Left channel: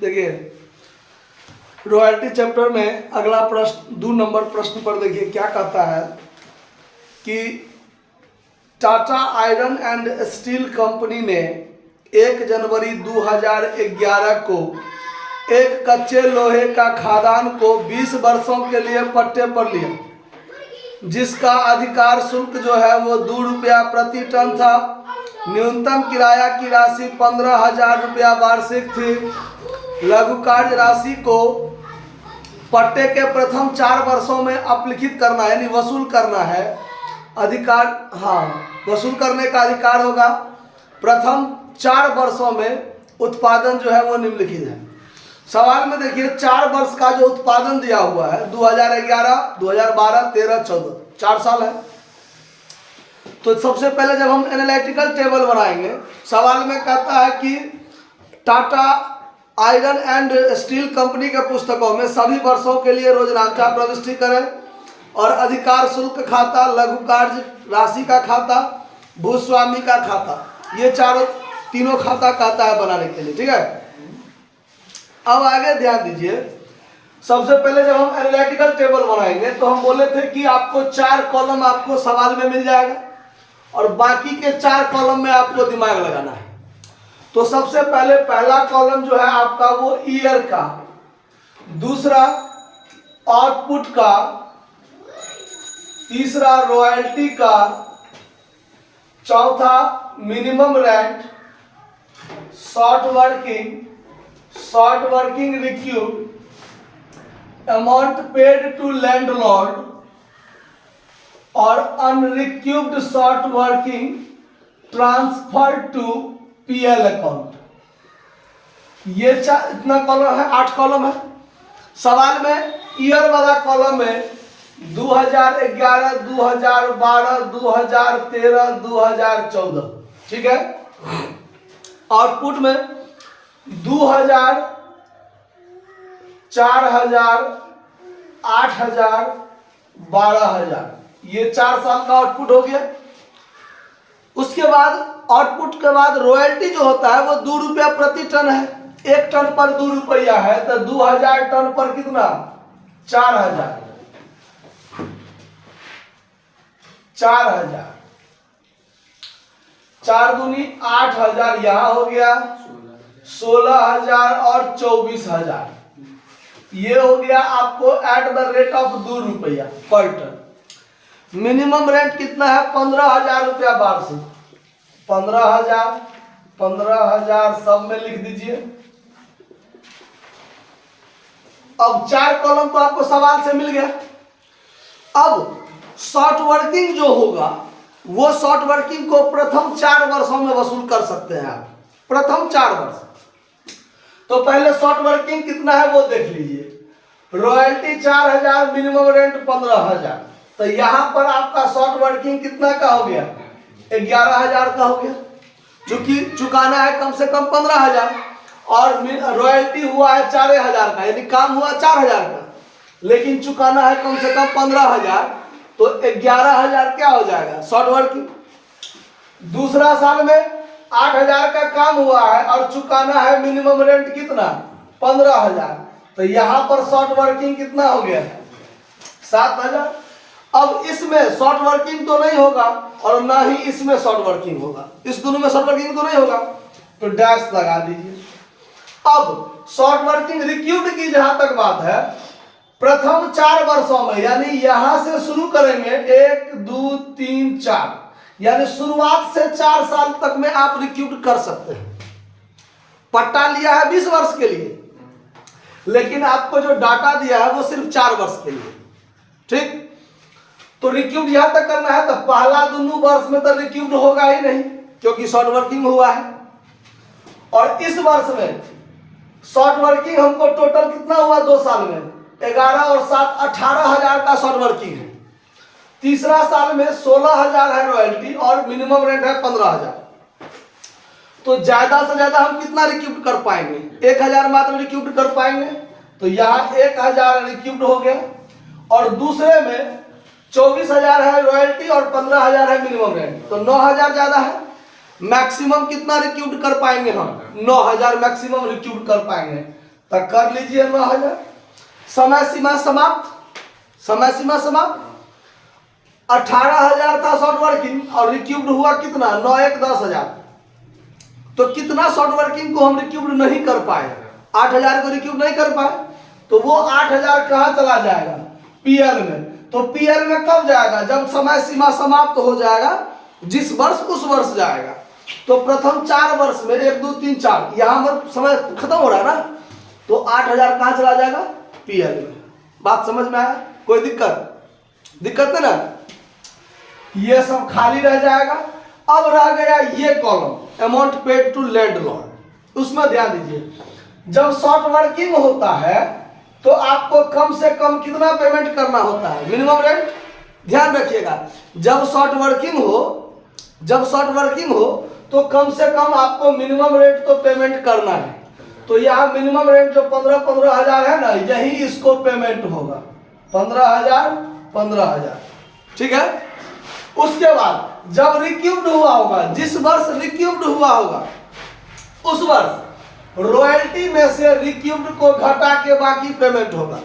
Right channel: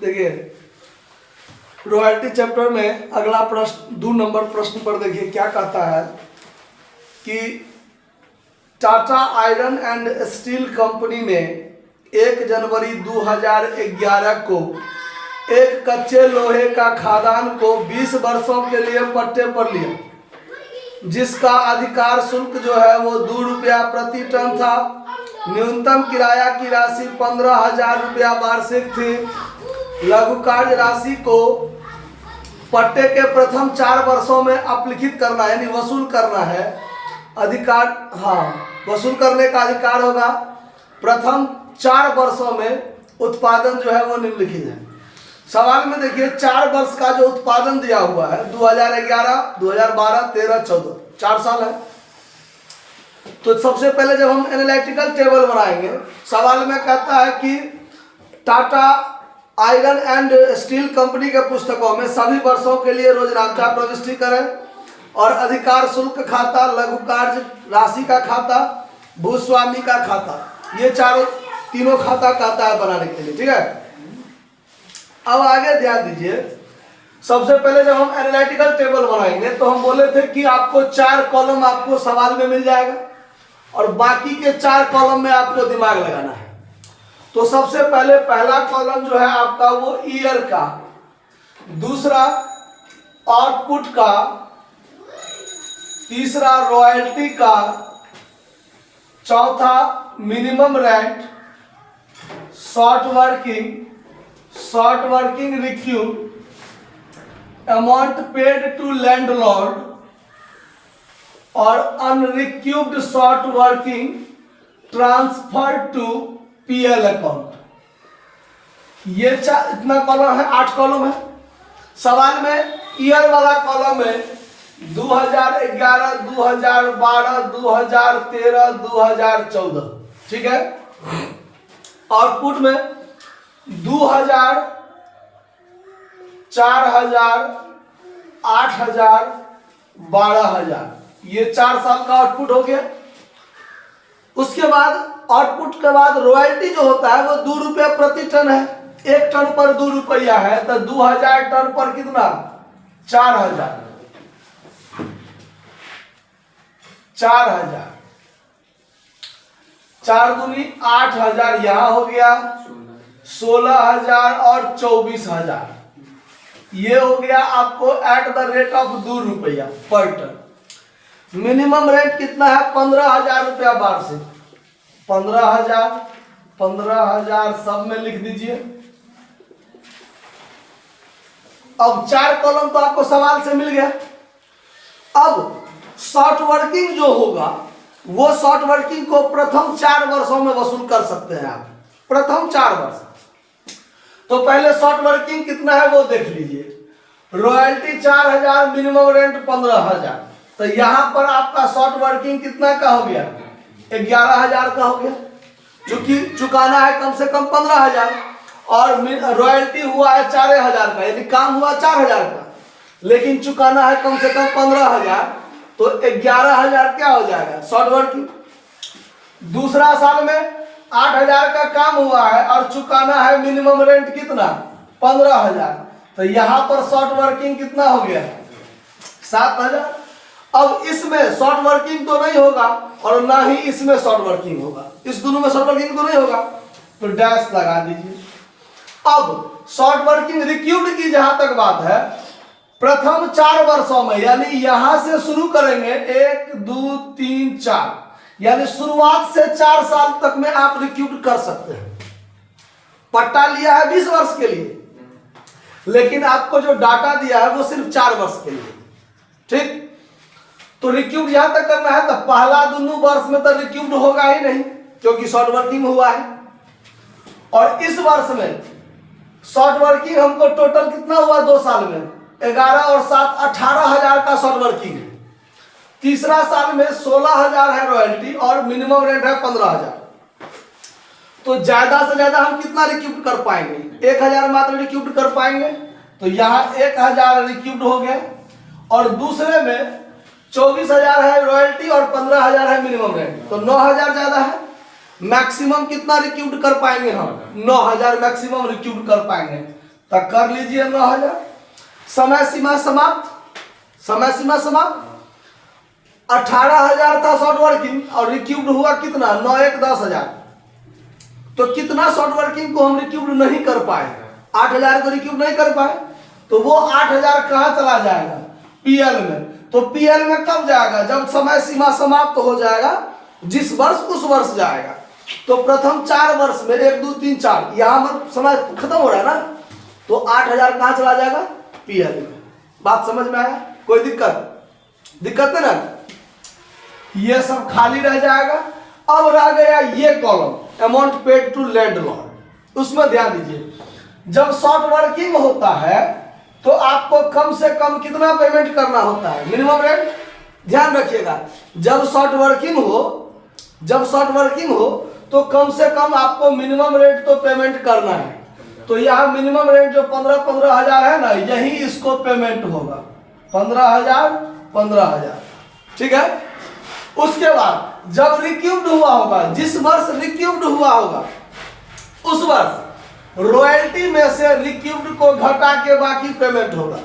देखिए royalty chapter में अगला प्रश्न 2 नंबर प्रश्न पर देखिए क्या कहता है कि Tata iron and steel company ने 1 जनवरी 2011 को एक कच्चे लोहे का खदान को 20 वर्षों के लिए पट्टे पर लिया, जिसका अधिकार शुल्क जो है वो 2 रुपया प्रति टन था। न्यूनतम किराया की राशि 15,000 रुपया वार्षिक थी। लघु कार्य राशि को पट्टे के प्रथम 4 वर्षों में अपलिखित करना है, यानी वसूल करना है। अधिकार, वसूल करने का अधिकार होगा। प्रथम 4 वर्षों में उत्पादन जो है वो निम्नलिखित है। सवाल में देखिए 4 वर्ष का जो उत्पादन दिया हुआ है 2011, 2012, 13, 14, 4 साल है। तो सबसे पहले जब हम एनालिटिकल टेबल बनाएंगे, सवाल में कहता है कि Tata iron and steel company के पुस्तकों में सभी वर्षों के लिए रोजनांचा प्रविष्टि करें और अधिकार शुल्क खाता, लघु कार्य राशि का खाता, भूस्वामी का खाता, ये तीनों खाता कहता है बनाने के लिए। ठीक है, अब आगे ध्यान दीजिए। सबसे पहले जब हम एनालिटिकल टेबल बनाएंगे तो हम बोले थे कि आपको 4 कॉलम आपको सवाल में मिल जाएगा और बाकी के 4 कॉलम में आपको दिमाग लगाना है। तो सबसे पहले पहला कॉलम जो है आपका वो ईयर का, दूसरा आउटपुट का, तीसरा रॉयल्टी का, चौथा minimum rent, short working recouped, amount paid to landlord और unrecouped short working transfer to PL account. ये इतना कॉलम है, 8 कॉलम है। सवाल में ईयर वाला कॉलम में 2011, 2012, 2013, 2014, ठीक है। आउटपुट में 2000, 4000, 8000, 12000, ये 4 साल का आउटपुट हो गया। उसके बाद आउटपुट के बाद रॉयल्टी जो होता है वो 2 रुपया प्रति टन है। 1 टन पर 2 रुपया है तो 2000 टन पर कितना? 4000। 4 दूनी 8000, यहां हो गया 16000 और 24000, ये हो गया आपको एट द रेट ऑफ 2 रुपया पर टन। मिनिमम रेट कितना है? 15,000 रुपया वार्षिक। 15,000 सब में लिख दीजिए। अब 4 कॉलम तो आपको सवाल से मिल गया। अब शॉर्ट वर्किंग जो होगा वो शॉर्ट वर्किंग को प्रथम 4 वर्षों में वसूल कर सकते हैं आप, प्रथम 4 वर्ष। तो पहले शॉर्ट वर्किंग कितना है वो देख लीजिए। रॉयल्टी 4000, मिनिमम रेंट 15,000, तो यहां पर आपका शॉर्ट वर्किंग कितना का हो गया? 11,000 का हो गया, क्योंकि चुकाना है कम से कम 15,000 और रॉयल्टी हुआ है 4,000 का, यानी काम हुआ 4,000 का, लेकिन चुकाना है कम से कम 15,000, तो 11,000 क्या हो जाएगा? Short working. दूसरा साल में 8,000 का काम हुआ है और चुकाना है मिनिमम रेंट कितना? 15,000, तो यहां पर शॉर्ट वर्किंग कितना हो गया? 7,000। अब इसमें शॉर्ट वर्किंग तो नहीं होगा और ना ही इसमें शॉर्ट वर्किंग होगा, इस दोनों में शॉर्ट वर्किंग तो नहीं होगा, तो डैश लगा दीजिए। अब शॉर्ट वर्किंग रिक्यूड की जहां तक बात है, प्रथम 4 वर्षों में, यानी यहां से शुरू करेंगे 1, 2, 3, 4, यानी शुरुआत से 4 साल तक में आप रिक्यूड कर सकते हैं। पट्टा लिया है 20 वर्ष के लिए, लेकिन आपको जो डाटा दिया है वो सिर्फ 4 वर्ष के लिए, ठीक। तो रिक्यूड यहां तक करना है तो पहला 2 वर्ष में तो रिक्यूड होगा ही नहीं, क्योंकि शॉर्ट वर्किंग हुआ है। और इस वर्ष में शॉर्ट वर्किंग हमको टोटल कितना हुआ 2 साल में? 11 और 7 18,000 का शॉर्ट वर्किंग है। तीसरा साल में 16,000 है रॉयल्टी और मिनिमम रेंट है 15,000। तो ज्यादा से ज्यादा हम कितना रिक्यूड कर पाएंगे? 1,000 मात्र रिक्यूड कर पाएंगे, तो यहाँ 1,000 रिक्यूड हो गया। और दूसरे में 24,000 है रॉयल्टी और 15,000 है मिनिमम रेंट, तो 9,000 ज्यादा है। मैक्सिमम कितना रिक्यूड कर पाएंगे हम? 9,000 मैक्सिमम रिक्यूड कर पाएंगे। तो कर लीजिए 9,000। समय सीमा समाप्त, समय सीमा समाप्त। 18,000 था शॉर्ट वर्किंग और रिक्यूब्ड हुआ कितना, 9 1 10,000। तो कितना शॉर्ट वर्किंग को हम रिक्यूब्ड नहीं कर पाए, 8,000 को रिक्यूब नहीं कर पाए, तो वो 8,000 कहाँ चला जाएगा, पीएल में। तो पीएल में कब जाएगा, जब समय सीमा समाप्त हो जाएगा, जिस वर्ष उस वर्ष जाएगा। तो प्रथम 4 वर्ष में 1 2 3 4 यहाँ पर समय खत्म हो रहा है ना, तो 8,000 कहाँ चला जाएगा, पीएल में। बात समझ में आया, कोई दिक्कत है ना। ये सब खाली रह जाएगा। अब रह गया ये column amount paid to landlord, उसमें ध्यान दीजिए। जब शॉर्ट वर्किंग होता है तो आपको कम से कम कितना पेमेंट करना होता है, मिनिमम रेंट। ध्यान रखिएगा, जब शॉर्ट वर्किंग हो तो कम से कम आपको मिनिमम रेंट तो पेमेंट करना है। तो यहाँ मिनिमम रेंट जो 15,000 है ना, यही इसको पेमेंट होगा, 15,000। ठीक है। उसके बाद जब रिक्यूब्ड हुआ होगा, जिस वर्ष रिक्यूब्ड हुआ होगा उस वर्ष रॉयल्टी में से रिक्यूब्ड को घटा के बाकी पेमेंट होगा।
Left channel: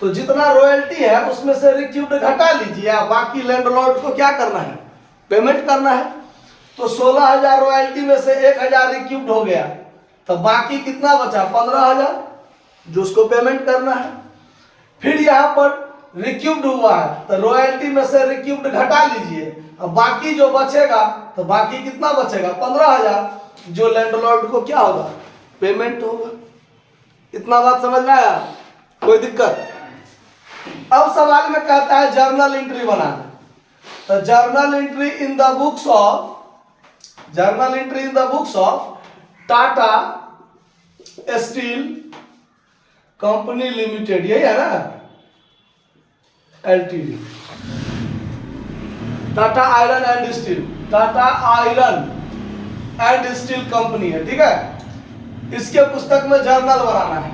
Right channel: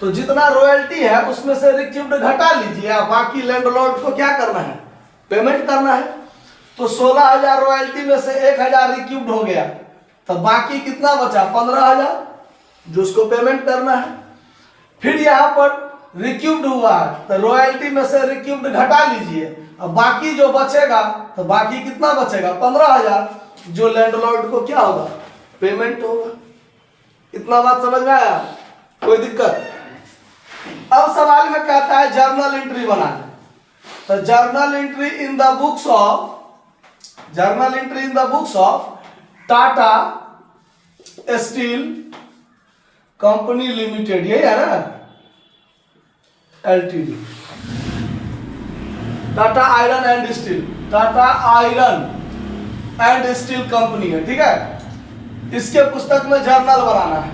तो जितना रॉयल्टी है उसमें से रिक्यूब्ड घटा लीजिए, बाकी लैंडलॉर्ड को क्या करना है, पेमेंट करना है। तो 16,000 रॉयल्टी में से 1,000 रिक्यूब्ड हो गया, तो बाकी कितना बचा, 15,000, जो उसको पेमेंट करना है। फिर यहाँ पर रिक्यूब्ड हुआ है तो रॉयल्टी में से रिक्यूब्ड घटा लीजिए, अब बाकी जो बचेगा, तो बाकी कितना बचेगा, 15,000, जो लैंडलॉर्ड को क्या होगा, पेमेंट होगा। इतना बात समझ में आया, कोई दिक्कत। अब सवाल में कहता है जर्नल एंट्री बनाना। तो journal entry in the books of Tata steel company limited, यही है ना, LTD, Tata iron and steel company है। ठीक है, इसके पुस्तक में जर्नल बनाना है।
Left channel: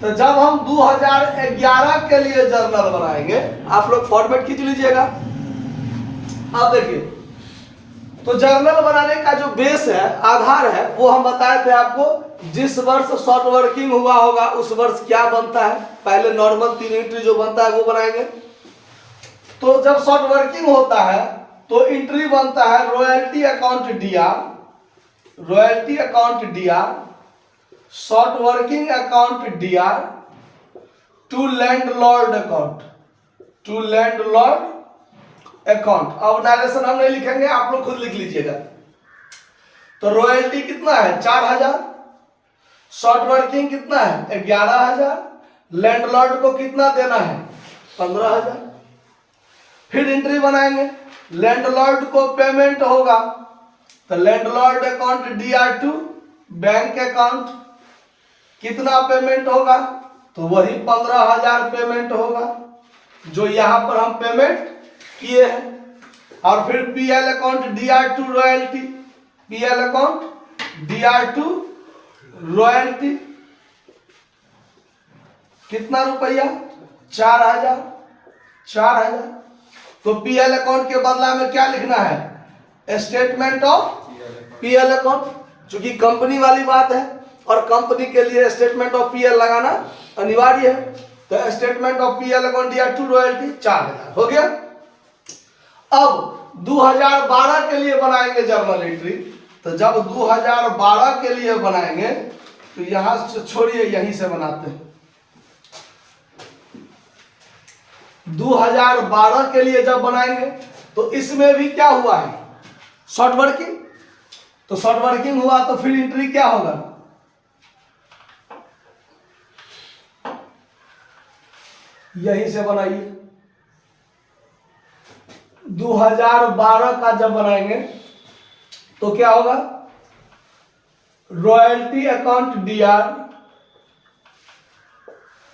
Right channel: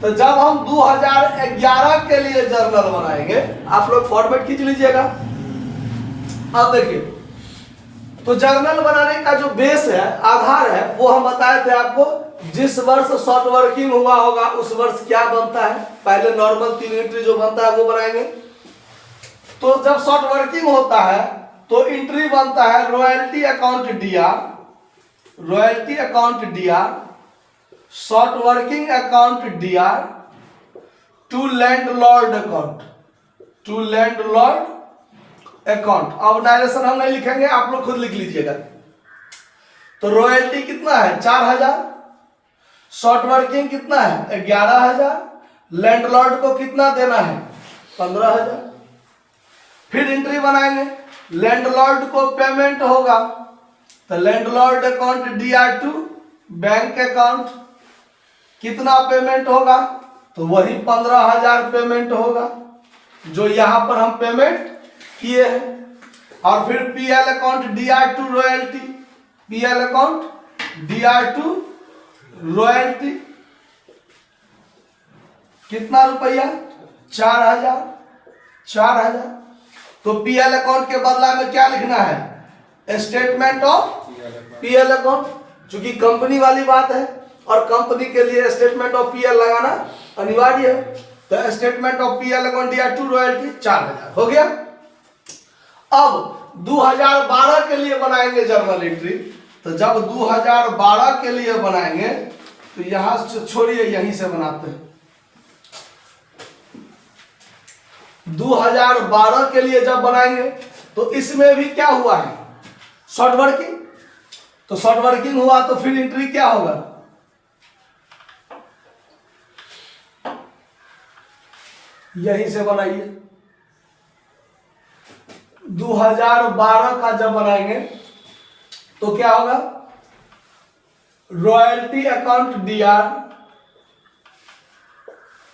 तो जब हम 2011 के लिए जर्नल बनाएंगे, आप लोग फॉर्मेट खींच लीजिएगा। अब देखिए, तो जर्नल बनाने का जो बेस है, आधार है, वो हम बताए थे आपको, जिस वर्ष शॉर्ट वर्किंग हुआ होगा उस वर्ष क्या बनता है। पहले नॉर्मल 3 एंट्री जो बनता है वो बनाएंगे। तो जब शॉर्ट वर्किंग होता है तो एंट्री बनता है royalty account DR, short working account DR to landlord account. अब डायरेक्शन हम नहीं लिखेंगे, आप लोग खुद लिख लीजिएगा। तो रॉयल्टी कितना है, 4,000, शॉर्ट वर्किंग कितना है, 11,000, लैंडलॉर्ड को कितना देना है, 15,000। फिर एंट्री बनाएंगे, लैंडलॉर्ड को पेमेंट होगा, तो landlord account DR2 bank account, कितना पेमेंट होगा, तो वही 15,000 पेमेंट होगा, जो यहां पर हम पेमेंट किए हैं। और फिर PL अकाउंट DR2 रॉयल्टी, कितना रुपया, 4,000। तो PL अकाउंट के बदला में क्या लिखना है, स्टेटमेंट ऑफ PL अकाउंट, चूंकि कंपनी वाली बात है और कंपनी के लिए स्टेटमेंट ऑफ PL लगाना अनिवार्य है। तो statement of PL account DR2 royalty 4,000 हो गया। अब 2012 के लिए बनाएंगे जर्नल एंट्री। तो जब 2012 के लिए बनाएंगे तो यहां से छोड़िए, यहीं से बनाते हैं। 2012 के लिए जब बनाएंगे तो इसमें भी क्या हुआ है, शॉर्ट वर्किंग। तो शॉर्ट वर्किंग हुआ तो फिर एंट्री क्या होगा, यहीं से बनाइए। 2012 का जब बनाएंगे तो क्या होगा, royalty account DR,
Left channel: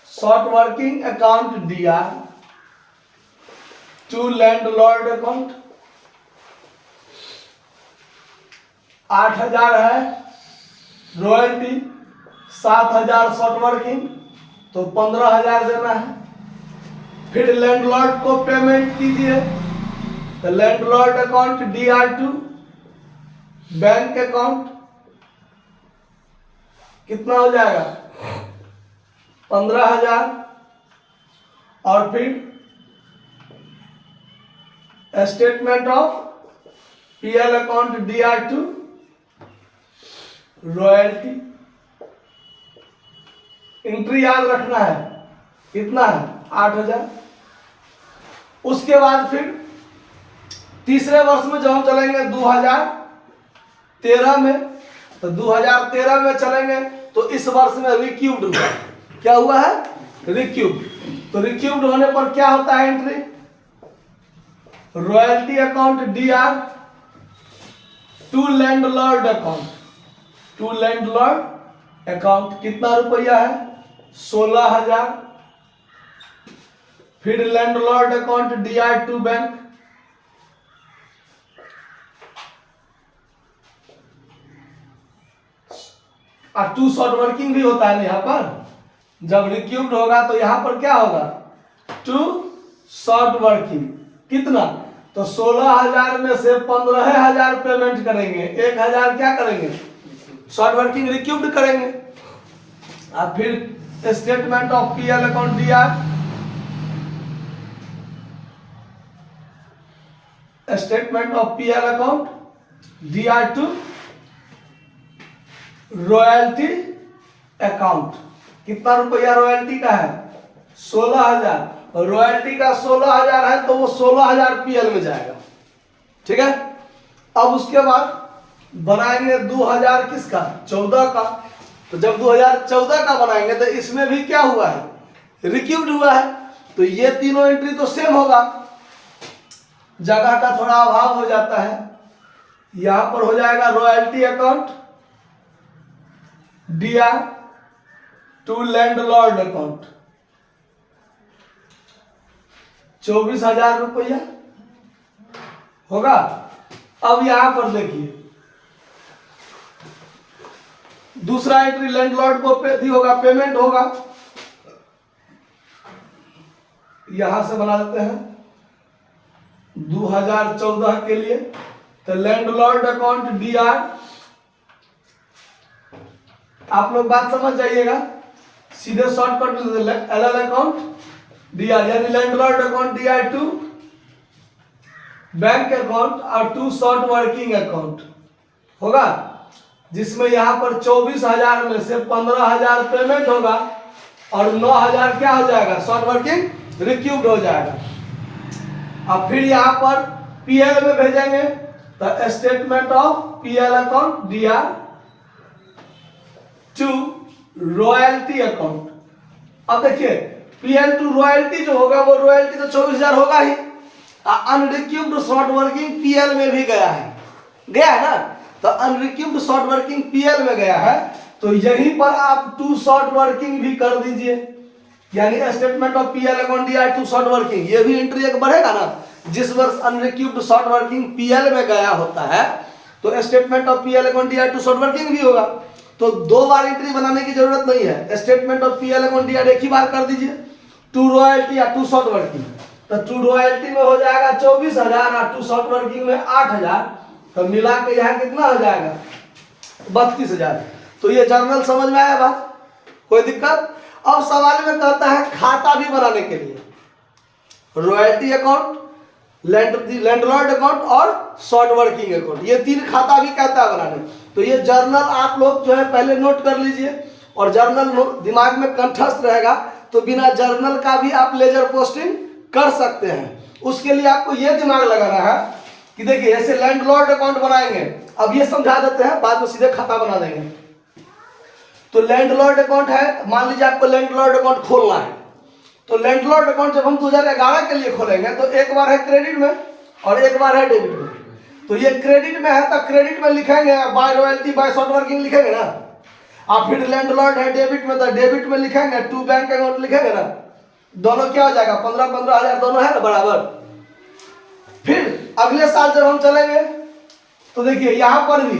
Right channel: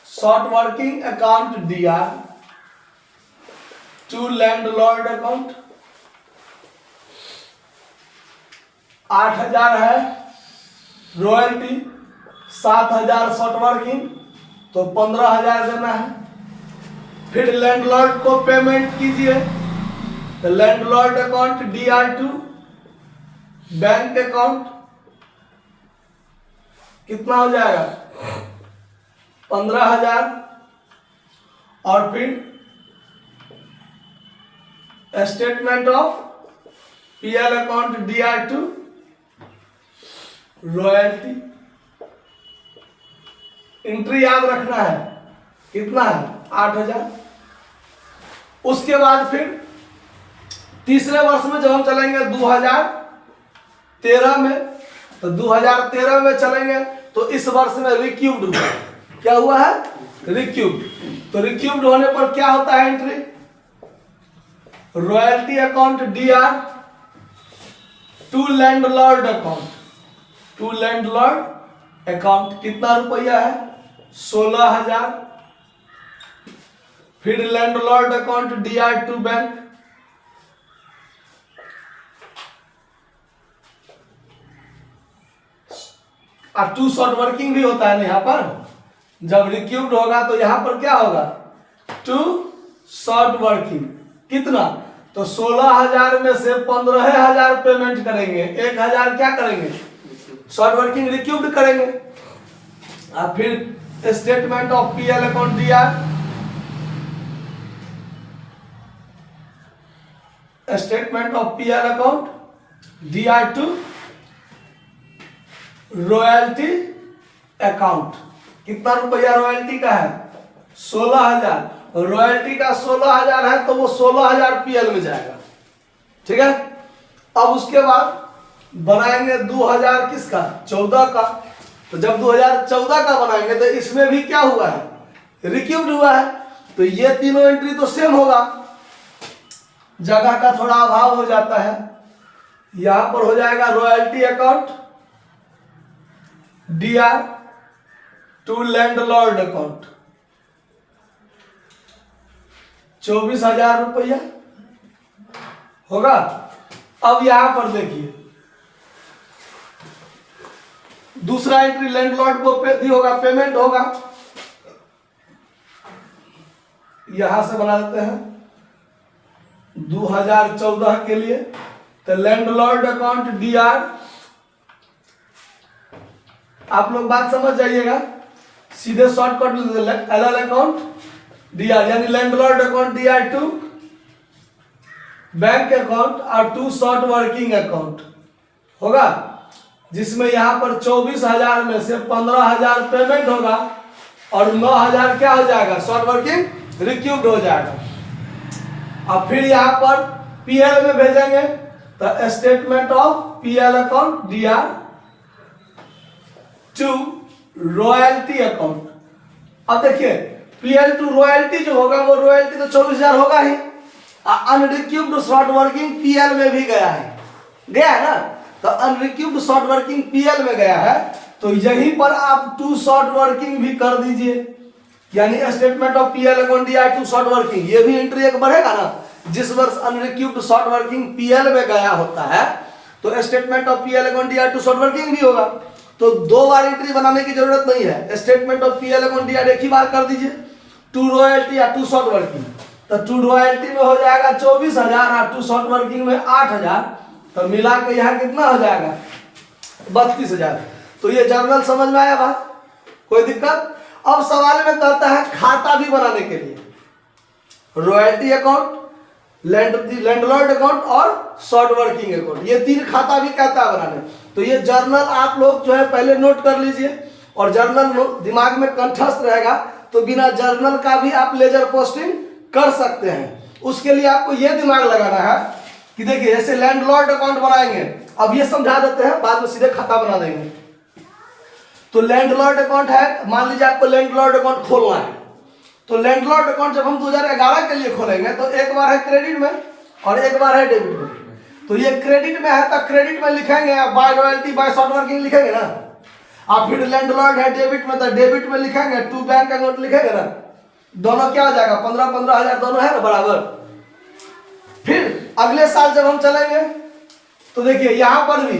short working account DR to landlord account, 8,000 है रॉयल्टी, 7,000 शॉर्ट वर्किंग, तो 15,000 देना है। फिर लैंडलॉर्ड को पेमेंट कीजिए, तो landlord account DR2 bank account, कितना हो जाएगा, 15,000 और फिर statement of PL account DR2 royalty. Entry याद रखना है, कितना है 8,000। उसके बाद फिर तीसरे वर्ष में जब हम चलेंगे 2013 में, तो 2013 में चलेंगे तो इस वर्ष में रिक्यूब्ड हुआ। क्या हुआ है? रिक्यूब्ड। तो रिक्यूब्ड होने पर क्या होता है entry? Royalty account DR to landlord account, to landlord account कितना रुपया है? 16,000। फिर लैंडलॉर्ड अकाउंट DR2 बैंक, और 2 शॉर्ट वर्किंग भी होता है ना यहाँ पर। जब रिक्यूब्ड होगा तो यहाँ पर क्या होगा? 2 शॉर्ट वर्किंग। कितना? तो 16,000 में से 15,000 पेमेंट करेंगे, 1,000 क्या करेंगे? शॉर्ट वर्किंग रिक्यूब्ड करेंगे। और फिर statement of PL account DR, statement of PL account DR2 royalty account. कितना रुपया रॉयल्टी का है? 16,000। रॉयल्टी का 16,000 है तो वो 16,000 पीएल में जाएगा। ठीक है। अब उसके बाद बनाएंगे 2000 किसका? 14 का। तो जब 2014 का बनाएंगे तो इसमें भी क्या हुआ है? रिक्यूब्ड हुआ है। तो ये तीनों एंट्री तो सेम होगा, जगह का थोड़ा अभाव हो जाता है। यहां पर हो जाएगा royalty account DR to landlord account 24,000 रुपया होगा। अब यहां पर देखिए दूसरा एंट्री लैंडलॉर्ड को पे होगा, पेमेंट होगा। यहां से बना देते हैं 2014 के लिए। तो लैंडलॉर्ड अकाउंट DR, आप लोग बात समझ जाइएगा, सीधे शॉर्टकट LL अकाउंट DR, यानी landlord account DR2 bank account और 2 शॉर्ट वर्किंग अकाउंट होगा, जिसमें यहां पर 24,000 में से 15,000 पेमेंट होगा और 9,000 क्या हो जाएगा? शॉर्ट वर्किंग रिक्यूब्ड हो जाएगा। अब फिर यहां पर पीएल में भेजेंगे तो statement of PL account DR to royalty account. अब देखिए पीएल टू रॉयल्टी जो होगा वो रॉयल्टी तो 24,000 होगा ही, अनरिक्यूब्ड शॉर्ट वर्किंग पीएल में भी गया है ना। तो अनरिक्यूब्ड शॉर्ट वर्किंग पीएल में गया है, तो यहीं पर आप 2 शॉर्ट वर्किंग भी कर दीजिए, यानी statement of PL account DR to short working. ये भी एंट्री एक बढ़ेगा ना, जिस वर्ष अनरिक्यूब्ड शॉर्ट वर्किंग पीएल में गया होता है तो statement of PL account DR to short working भी होगा। तो 2 बार एंट्री बनाने की जरूरत नहीं है। Statement of PL account DR एक ही बार कर दीजिए, 2 रॉयल्टी या 2 शॉर्ट वर्किंग। तो 2 रॉयल्टी में हो जाएगा 24,000 और 2 शॉर्ट वर्किंग में 8,000, तो मिला के यहाँ कितना हो जाएगा? 32,000। तो ये जर्नल समझ में आया बात? कोई दिक्कत? अब सवाल में कहता है खाता भी बनाने के लिए रॉयल्टी अकाउंट, लैंडलॉर्ड अकाउंट और शॉर्ट वर्किंग अकाउंट, ये 3 खाता भी कहता है बनाने। तो ये जर्नल आप लोग जो है पहले नोट कर लीजिए, और जर्नल दिमाग में कंठस्थ रहेगा तो बिना जर्नल का भी आप लेजर पोस्टिंग कर सकते हैं। उसके लिए आपको ये दिमाग लगाना है कि देखिए ऐसे लैंडलॉर्ड अकाउंट बनाएंगे, अब ये समझा देते हैं, बाद में सीधे खाता बना देंगे। तो लैंडलॉर्ड अकाउंट है, मान लीजिए आपको लैंडलॉर्ड अकाउंट खोलना है, तो लैंडलॉर्ड अकाउंट जब हम 2011 के लिए खोलेंगे तो एक बार है क्रेडिट में और एक बार है डेबिट में। तो ये क्रेडिट में है तो क्रेडिट में लिखेंगे by royalty by short working लिखेंगे ना, और फिर लैंडलॉर्ड है डेबिट में तो डेबिट में लिखेंगे 2 बैंक अकाउंट लिखेंगे ना। दोनों क्या हो जाएगा? 15,000 दोनों है ना बराबर। फिर अगले साल जब हम चलेंगे तो देखिए यहां पर भी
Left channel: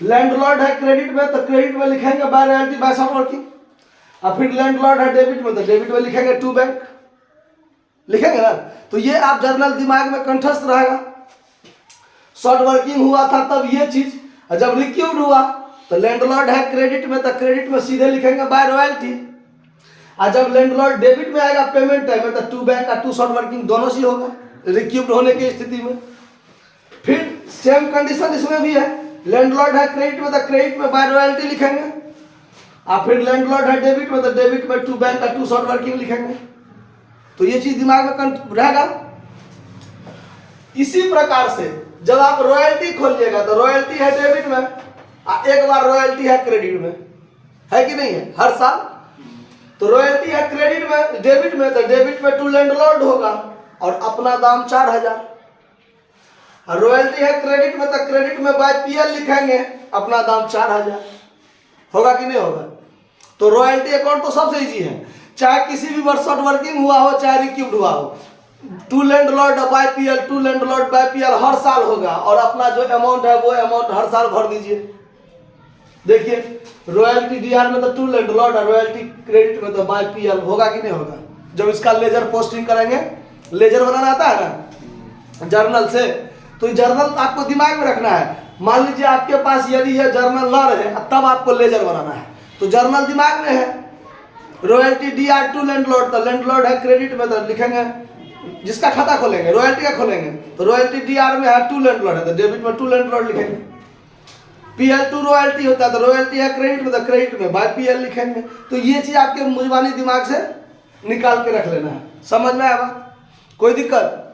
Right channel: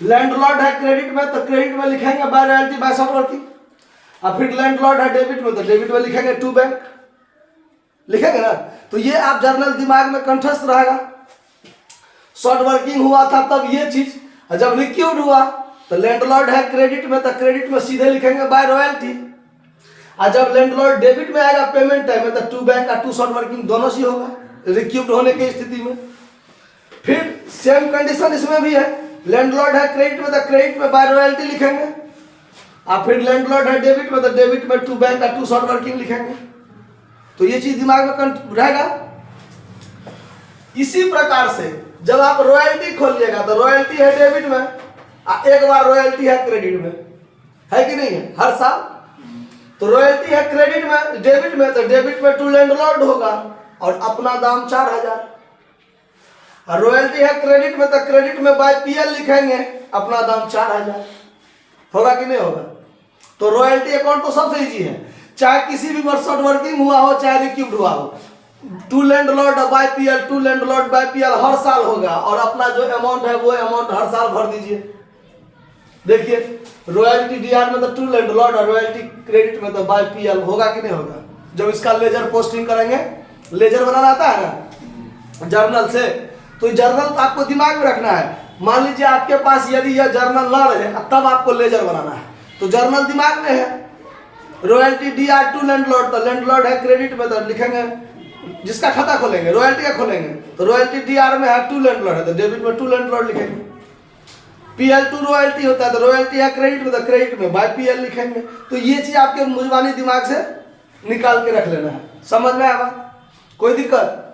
लैंडलॉर्ड है क्रेडिट में तो क्रेडिट में लिखेंगे by royalty by short working, और फिर लैंडलॉर्ड है डेबिट में तो डेबिट में लिखेंगे 2 बैंक लिखेंगे ना। तो ये आप जर्नल दिमाग में कंठस्थ रहेगा। शॉर्ट वर्किंग हुआ था तब ये चीज, और जब रिक्यूब्ड हुआ तो लैंडलॉर्ड है क्रेडिट में तो क्रेडिट में सीधे लिखेंगे बाय रॉयल्टी, और जब लैंडलॉर्ड डेबिट में आएगा पेमेंट टाइम में, तो टू बैंक का टू शॉर्ट वर्किंग दोनों से होगा रिक्यूब्ड होने की स्थिति में। फिर सेम कंडीशन इसमें भी है, लैंडलॉर्ड है क्रेडिट में तो क्रेडिट में बाय रॉयल्टी लिखेंगे, और फिर लैंडलॉर्ड है डेबिट में तो डेबिट में टू बैंक का टू शॉर्ट वर्किंग लिखेंगे। तो ये चीज दिमाग में रहेगा। इसी प्रकार से जब आप रॉयल्टी खोलिएगा तो रॉयल्टी है डेबिट में, एक बार रॉयल्टी है क्रेडिट में, है कि नहीं है हर साल। तो रॉयल्टी है क्रेडिट में डेबिट में, तो डेबिट में टू लैंडलॉर्ड होगा और अपना दाम 4000। और रॉयल्टी है क्रेडिट में तो क्रेडिट में बाय पीएल लिखेंगे, अपना दाम 4000 होगा कि नहीं होगा। तो रॉयल्टी अकाउंट तो सबसे इजी है, चाहे किसी भी वर्ष शॉर्ट वर्किंग हुआ हो चाहे रिक्यूब्ड हुआ हो, to landlord by PL to landlord by PL हर साल होगा, और अपना जो अमाउंट है वो अमाउंट हर साल भर दीजिए। देखिए रॉयल्टी डीआर में तो टू लैंडलॉर्ड और रॉयल्टी क्रेडिट में तो बाय पीएल होगा कि नहीं होगा। जब इसका लेजर पोस्टिंग करेंगे, लेजर बनाना आता है ना जर्नल से, तो जर्नल आपको दिमाग में रखना है। मान लीजिए आपके पास यदि यह जर्नल ना रहे तब आपको लेजर बनाना है, तो जर्नल दिमाग में है। रॉयल्टी डीआर टू लैंडलॉर्ड, तो लैंडलॉर्ड है क्रेडिट में तो लिखेंगे, जिसका खाता खोलेंगे रॉयल्टी का खोलेंगे, तो रॉयल्टी डीआर में है टू लैंडलॉर्ड है तो डेबिट में टू लैंडलॉर्ड लिखेंगे। पीएल टू रॉयल्टी होता है तो रॉयल्टी है क्रेडिट में तो क्रेडिट में बाय पीएल लिखेंगे। तो ये चीज आपके मुजबानी दिमाग से निकाल के रख लेना है। समझ में आया? कोई दिक्कत?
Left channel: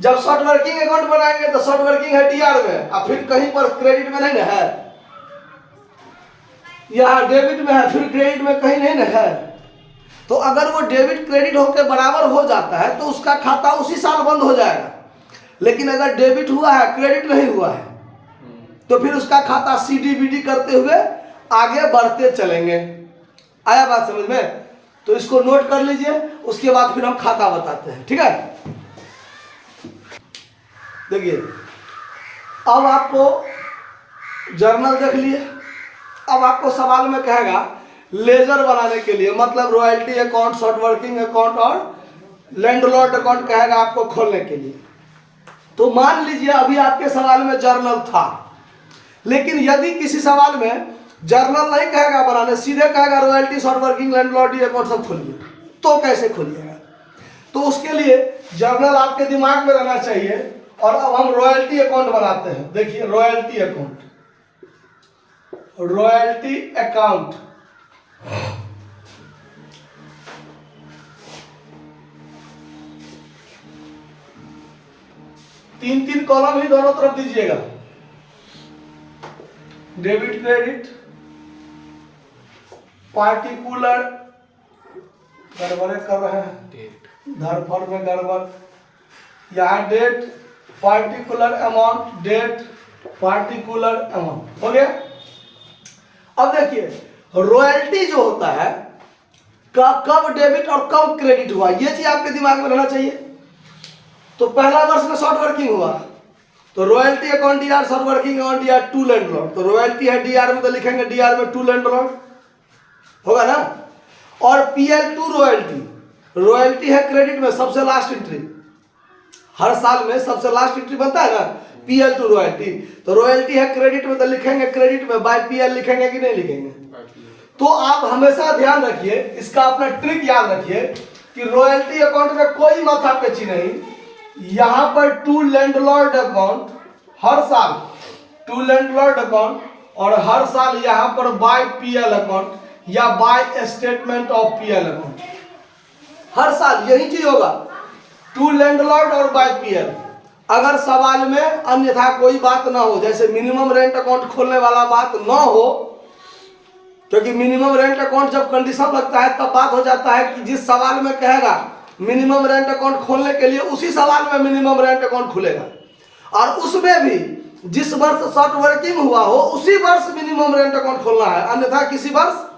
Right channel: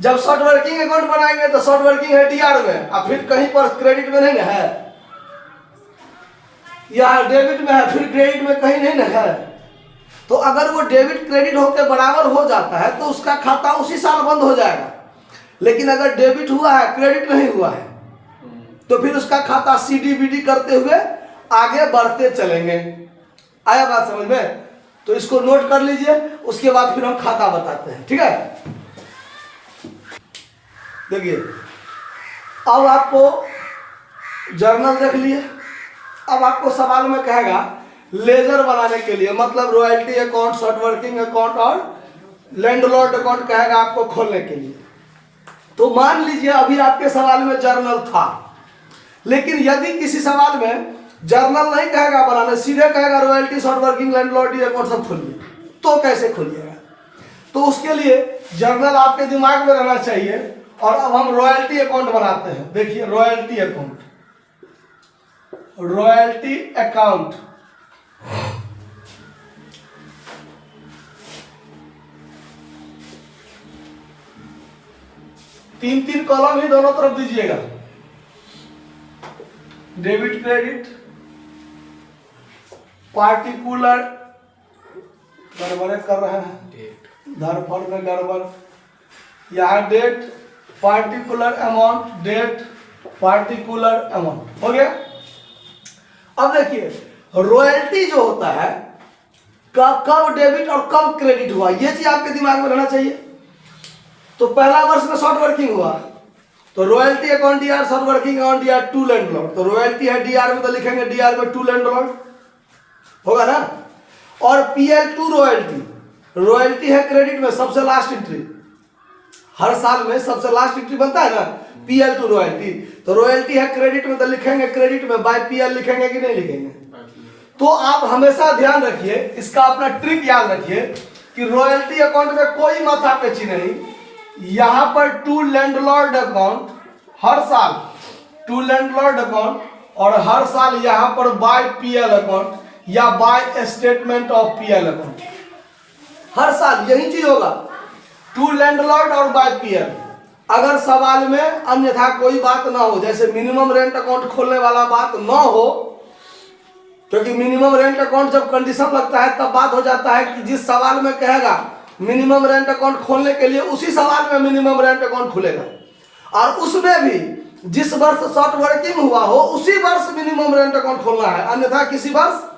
जब शॉर्ट वर्किंग अकाउंट बनाएंगे तो शॉर्ट वर्किंग है डीआर में, और फिर कहीं पर क्रेडिट में नहीं है, या डेबिट में है फिर क्रेडिट में कहीं नहीं है। तो अगर वो डेबिट क्रेडिट होकर बराबर हो जाता है तो उसका खाता उसी साल बंद हो जाएगा। लेकिन अगर डेबिट हुआ है क्रेडिट नहीं हुआ है तो फिर उसका खाता सीडीबीडी करते हुए आगे बढ़ते चलेंगे। आया बात समझ में? तो इसको नोट कर लीजिए, उसके बाद फिर हम खाता बताते हैं। ठीक है, देखिए अब आपको जर्नल देख लिए। अब आपको सवाल में कहेगा लेजर बनाने के लिए, मतलब royalty account, short working account और लैंडलॉर्ड अकाउंट कहेगा आपको खोलने के लिए। तो मान लीजिए अभी आपके सवाल में जर्नल था, लेकिन यदि किसी सवाल में जर्नल नहीं कहेगा बनाने, सीधे कहेगा royalty, short working, landlord account सब खोलिए, तो कैसे खोलिएगा? तो उसके लिए जर्नल आपके दिमाग में रहना चाहिए। और अब हम रॉयल्टी अकाउंट बनाते हैं। देखिए रॉयल्टी अकाउंट, रॉयल्टी अकाउंट तीन तीन कॉलम ही दोनों तरफ दीजिएगा। डेबिट क्रेडिट, पार्टिकुलर, गड़बड़े कर रहे हैं, धरफड़ में गड़बड़, यहाँ date, particular amount, date, particular amount, हो गया। अब देखिए रॉयल्टी जो होता है कब डेबिट और कब क्रेडिट हुआ, ये चीज आपके दिमाग में रहना चाहिए। तो पहला वर्ष में शॉर्ट वर्किंग हुआ तो royalty account DR, short working account DR, to landlord, तो रॉयल्टी है डीआर में तो लिखेंगे डीआर में टू लैंडलॉर्ड, होगा ना। और पीएल टू रॉयल्टी, रॉयल्टी है क्रेडिट में सबसे लास्ट एंट्री, हर साल में सबसे लास्ट एंट्री बनता है ना, पीएल टू रॉयल्टी, तो रॉयल्टी है क्रेडिट में तो लिखेंगे क्रेडिट में बाय पीएल लिखेंगे कि नहीं लिखेंगे। तो आप हमेशा ध्यान रखिए, इसका अपना ट्रिक याद रखिए कि रॉयल्टी अकाउंट में कोई माथा पेची नहीं, यहां पर टू लैंडलॉर्ड अकाउंट हर साल, टू लैंडलॉर्ड अकाउंट, और हर साल यहां पर बाय पीएल अकाउंट या by statement of PL account, हर साल यही चीज होगा, टू लैंडलॉर्ड और बाय पीएल। अगर सवाल में अन्यथा कोई बात ना हो, जैसे मिनिमम रेंट अकाउंट खोलने वाला बात ना हो, क्योंकि मिनिमम रेंट अकाउंट जब कंडीशन लगता है तब बात हो जाता है कि जिस सवाल में कहेगा मिनिमम रेंट अकाउंट खोलने के लिए उसी सवाल में मिनिमम रेंट अकाउंट खुलेगा, और उसमें भी जिस वर्ष शॉर्ट वर्किंग हुआ हो उसी वर्ष मिनिमम रेंट अकाउंट खोलना है, अन्यथा किसी वर्ष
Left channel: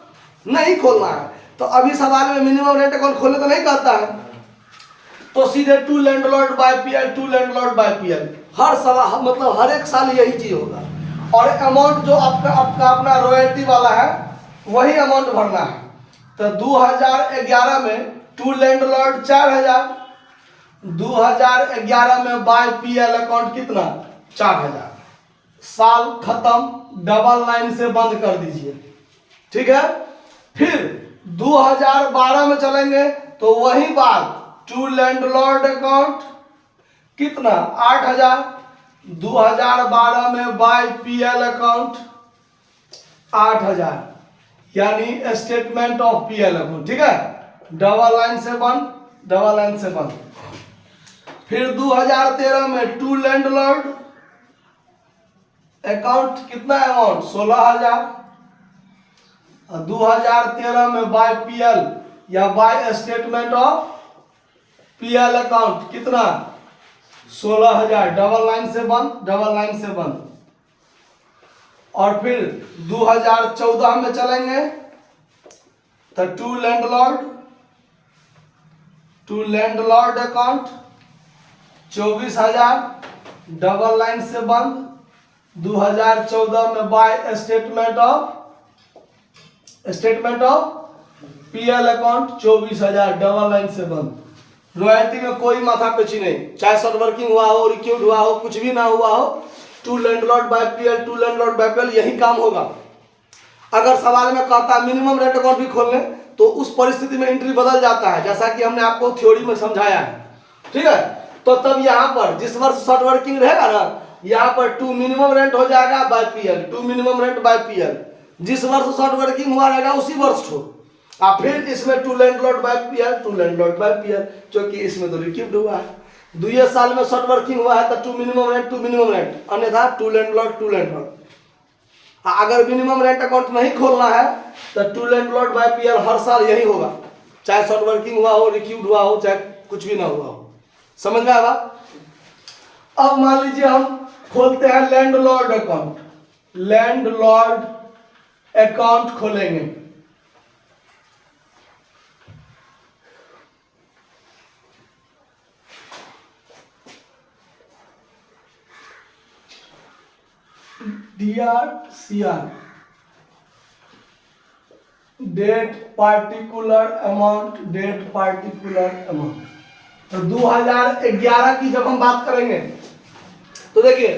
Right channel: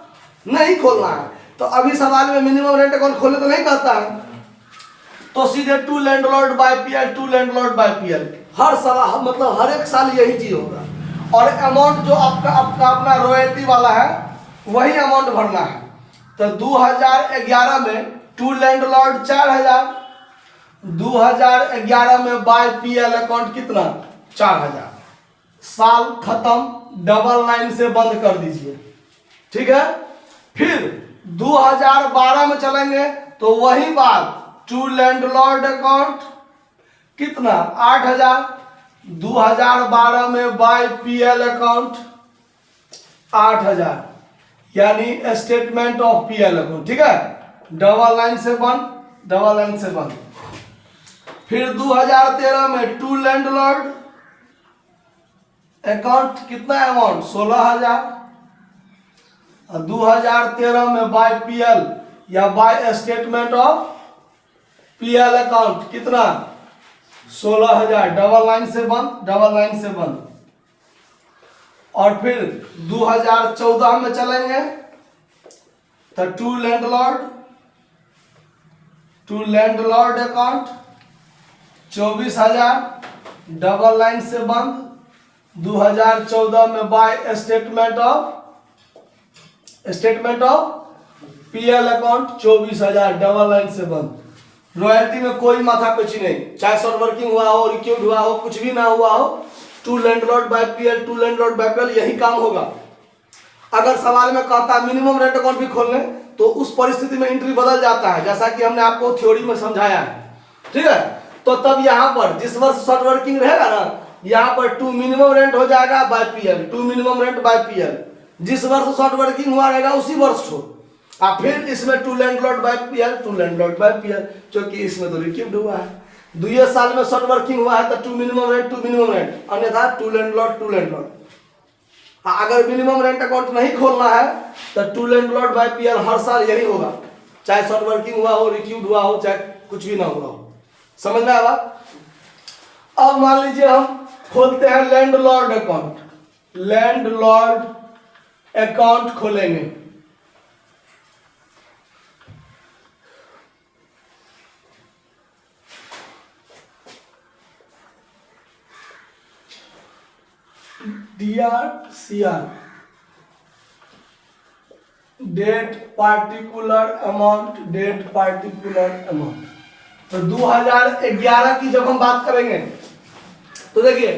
नहीं खोलना है। तो अभी सवाल में मिनिमम रेंट अकाउंट खोलने तो नहीं कहता है, तो सीधे to landlord by PL, to landlord by PL, हर साल, मतलब हर एक साल यही चीज होगा। और अमाउंट जो आपका अपना रॉयल्टी वाला है वही अमाउंट भरना है। तो 2011 में टू लैंडलॉर्ड 4000, 2011 में बाय पीएल अकाउंट कितना 4000, साल खत्म, डबल लाइन से बंद कर दीजिए। ठीक है, फिर 2012 में चलेंगे तो वही बात, टू लैंडलॉर्ड अकाउंट कितना 8000, 2012 में बाय पीएल अकाउंट 8000, यानी स्टेटमेंट ऑफ पीएल अकाउंट, ठीक है, डबल लाइन से बंद, डबल लाइन से बंद। फिर 2013 में टू लैंडलॉर्ड अकाउंट कितना अमाउंट 16000, 2013 में बाय पीएल या by statement of PL account कितना 16000, डबल लाइन से बंद, डबल लाइन से बंद। और फिर 2014 में चलेंगे तो to landlord account 24000, double line से बंद। 2014 में by statement of PL account 24000, double line से बंद। रॉयल्टी में कोई माथा पेची नहीं, चाहे शॉर्ट वर्किंग हुआ हो, रिक्यूड हुआ हो, कुछ भी ना हुआ हो, to landlord by PL, to landlord by PL, यही काम होगा। अगर सवाल में कहता है मिनिमम रेंट अकाउंट भी खोल लें तो उस परिस्थिति में एंट्री बदल जाता है, जैसा कि हमने आपको थ्योरी में समझाया है, ठीक है। तो तब यहाँ पर जिस वर्ष शॉर्ट वर्किंग रहेगा ना, यहाँ पर टू मिनिमम रेंट हो जाएगा by PL, to minimum rent by PL, जिस वर्ष शॉर्ट वर्किंग हुआ रहेगा उसी वर्ष हो। और फिर इसमें to landlord by PL, to landlord by PL, क्योंकि इसमें तो रिक्यूड हुआ है। 2 साल में शॉर्ट वर्किंग हुआ है तो टू मिनिमम रेंट, अन्यथा टू लैंडलॉर्ड। अगर मिनिमम रेंट अकाउंट नहीं खोलना है तो टू लैंडलॉर्ड बाय पीएल हर साल यही होगा, चाहे शॉर्ट वर्किंग हुआ हो, रिक्यूड हुआ हो, चाहे कुछ भी ना हुआ हो। समझ में आया? अब मान लीजिए हम खोलते हैं लैंडलॉर्ड अकाउंट, लैंडलॉर्ड अकाउंट खोलेंगे। DRCR, date particular amount, date particular amount. तो 2011 की जब हम बात करेंगे तो देखिए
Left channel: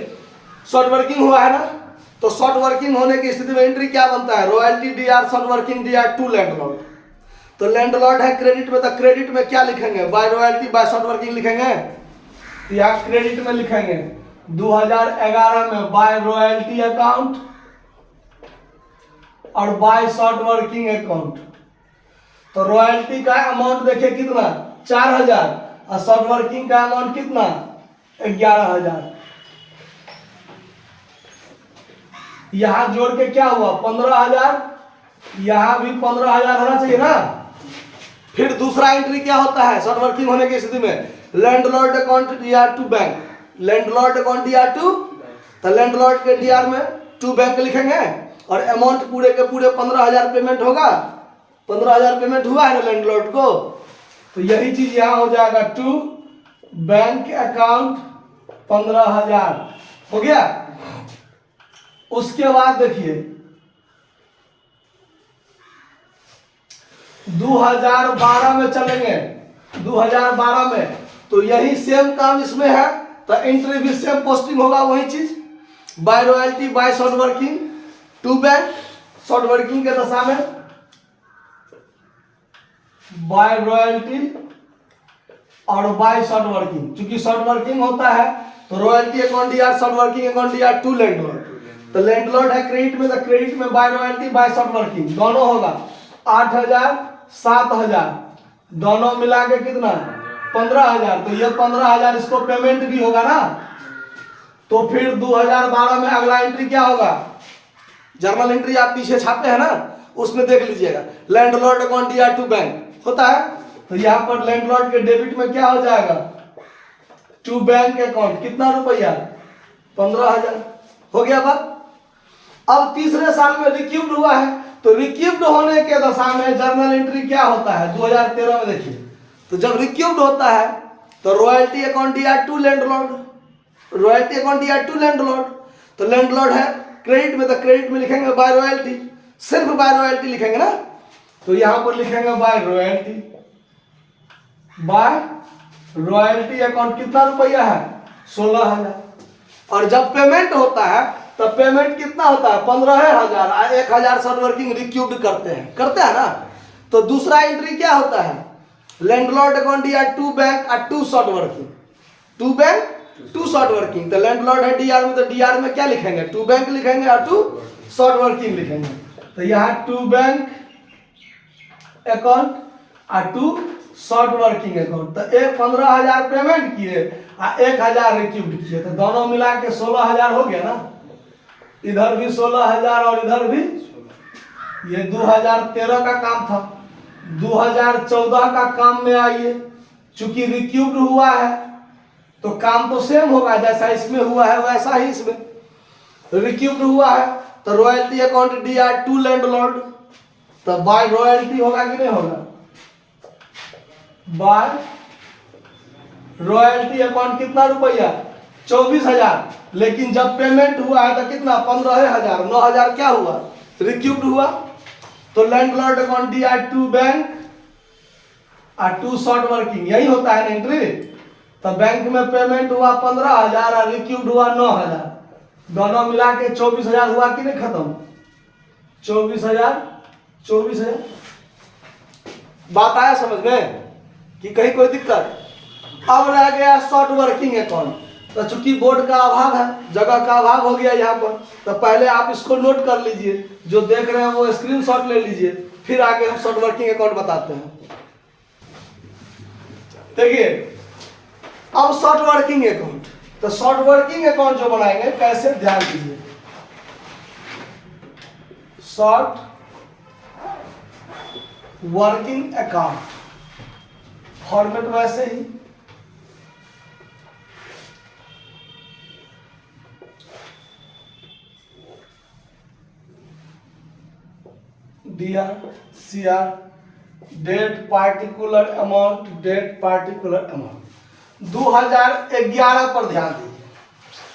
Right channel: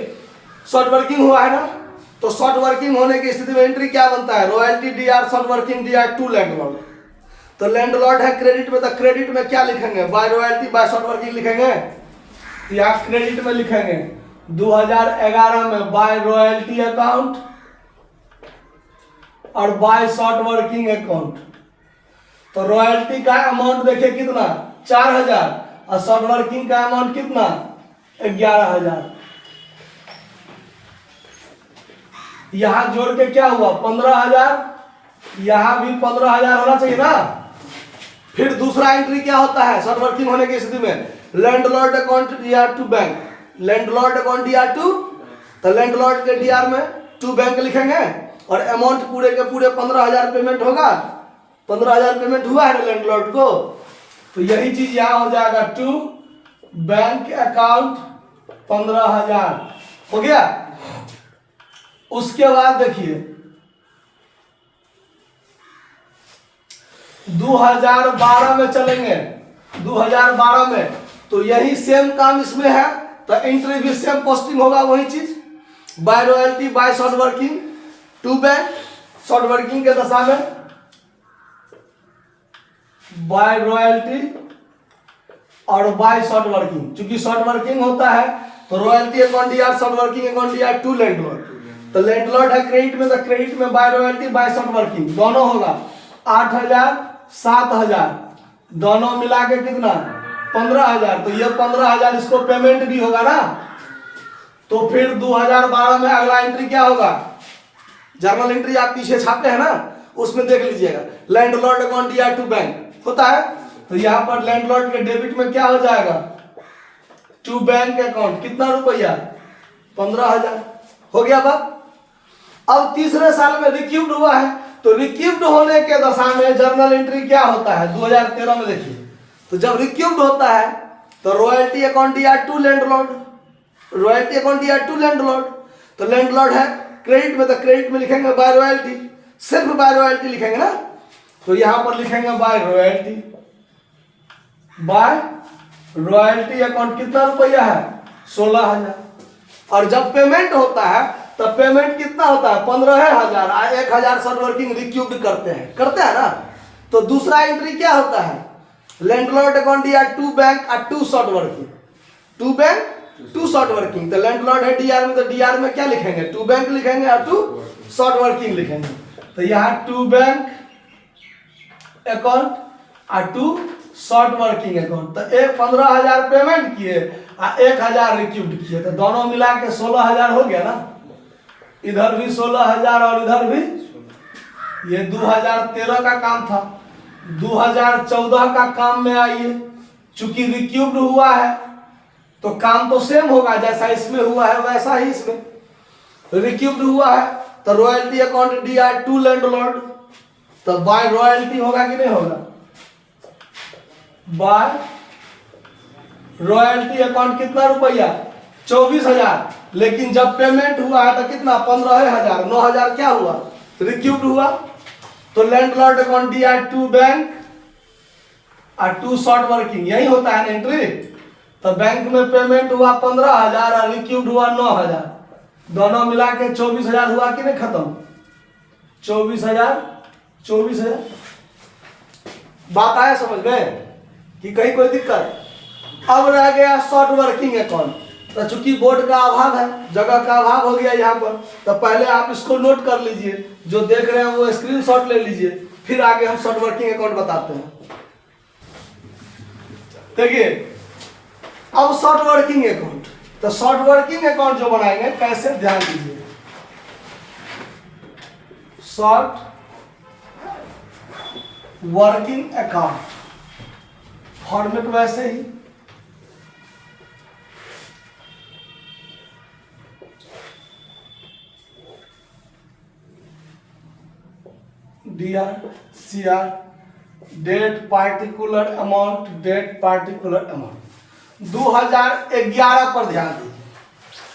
शॉर्ट वर्किंग हुआ है ना, तो शॉर्ट वर्किंग होने की स्थिति में एंट्री क्या बनता है, royalty DR short working DR to landlord. तो लैंडलॉर्ड है क्रेडिट में, तो क्रेडिट में क्या लिखेंगे, by royalty by short working लिखेंगे, या क्रेडिट में लिखेंगे 2011 में बाय रॉयल्टी अकाउंट और बाय शॉर्ट वर्किंग अकाउंट। तो रॉयल्टी का अमाउंट देखिए कितना 4000 और शॉर्ट वर्किंग का अमाउंट कितना 11000। यहां जोड़ के क्या हुआ 15000, यहां भी 15000 होना चाहिए ना। फिर दूसरा एंट्री क्या होता है शॉर्ट वर्किंग होने की स्थिति में, landlord account DR to bank, landlord account DR to, तो लैंडलॉर्ड के डीआर में टू बैंक लिखेंगे और अमाउंट पूरे के पूरे 15000 पेमेंट होगा, 15000 पेमेंट हुआ है ना लैंडलॉर्ड को, तो यही चीज यहां हो जाएगा टू बैंक अकाउंट 15000 हो गया। उसके बाद देखिए 2012 में चलेंगे, 2012 में तो यही सेम काम इसमें है, तो एंट्री भी सेम पोस्टिंग होगा, वही चीज by royalty by short working to bank, short working के दशा में बाय रॉयल्टी और बाय शॉर्ट वर्किंग, क्योंकि शॉर्ट वर्किंग होता है तो royalty account DR short working account DR to landlord, तो लैंडलॉर्ड है क्रेडिट में, तो क्रेडिट में by royalty by short working दोनों होगा 8000 7000, दोनों मिला के कितना 15000, तो ये 15000 इसको पेमेंट भी होगा ना। तो फिर 2012 में अगला एंट्री क्या होगा, जर्नल एंट्री आप पीछे छापते हैं ना, उसमें देख लीजिएगा landlord account DR to bank होता है, तो यहां पर लैंडलॉर्ड के डेबिट में क्या हो जाएगा टू बैंक अकाउंट कितना रुपया 15000 हो गया बात। अब तीसरे साल में रिक्यूब्ड हुआ है, तो रिक्यूब्ड होने के दशा में जर्नल एंट्री क्या होता है 2013 में देखिए, तो जब रिक्यूब्ड होता है तो royalty account DR to landlord, royalty account DR to landlord, तो लैंडलॉर्ड है क्रेडिट में, तो क्रेडिट में लिखेंगे बाय रॉयल्टी, सिर्फ बाय रॉयल्टी लिखेंगे ना, तो यहां पर लिखेंगे by royalty, by royalty account कितना रुपया है 16000। और जब पेमेंट होता है तो पेमेंट कितना होता है 15000, 1000 शॉर्ट वर्किंग रिक्यूब्ड करते हैं ना, तो दूसरा एंट्री क्या होता है, लैंडलॉर्ड अकाउंट या टू बैंक और to short working, to bank to short working. तो लैंडलॉर्ड है डीआर में, तो डीआर में क्या लिखेंगे, टू बैंक लिखेंगे और टू शॉर्ट वर्किंग लिखेंगे। तो यहाँ टू बैंक अकाउंट और टू शॉर्ट वर्किंग अकाउंट। तो एक 15,000 पेमेंट किए और 1,000 रिक्यूड किए, तो दोनों मिला के 16,000 हो गया ना। इधर भी 16,000 और इधर भी। ये 2013 का काम था, 2014 का काम में आइए, चूंकि रिक्यूब्ड हुआ है तो काम तो सेम होगा, जैसा इसमें हुआ है वैसा ही इसमें रिक्यूब्ड हुआ है। तो royalty account DR to landlord, तो बाय रॉयल्टी होगा कि नहीं होगा, बाय रॉयल्टी अकाउंट कितना रुपया 24,000, लेकिन जब पेमेंट हुआ है तो कितना 15,000, 9,000 क्या हुआ रिक्यूब्ड हुआ। तो landlord account DR to bank और टू शॉर्ट वर्किंग, यही होता है ना एंट्री। तो बैंक में पेमेंट हुआ 15,000 और रिक्यूब्ड हुआ 9,000, दोनों मिला के 24,000 हुआ कि नहीं खत्म, 24,000। बात आया समझ गए कि कहीं कोई दिक्कत। अब रह गया शॉर्ट वर्किंग अकाउंट। तो चूंकि बोर्ड का अभाव है, जगह का अभाव हो गया यहाँ पर, तो पहले आप इसको नोट कर लीजिए, जो देख रहे हैं वो स्क्रीनशॉट ले लीजिए, फिर आगे हम शॉर्ट वर्किंग अकाउंट बताते हैं। देखिए अब शॉर्ट वर्किंग अकाउंट, तो शॉर्ट वर्किंग अकाउंट जो बनाएंगे कैसे, ध्यान दीजिए। शॉर्ट वर्किंग अकाउंट फॉर्मेट वैसे ही, DR CR date particular amount, date particular amount. 2011 पर ध्यान दीजिए,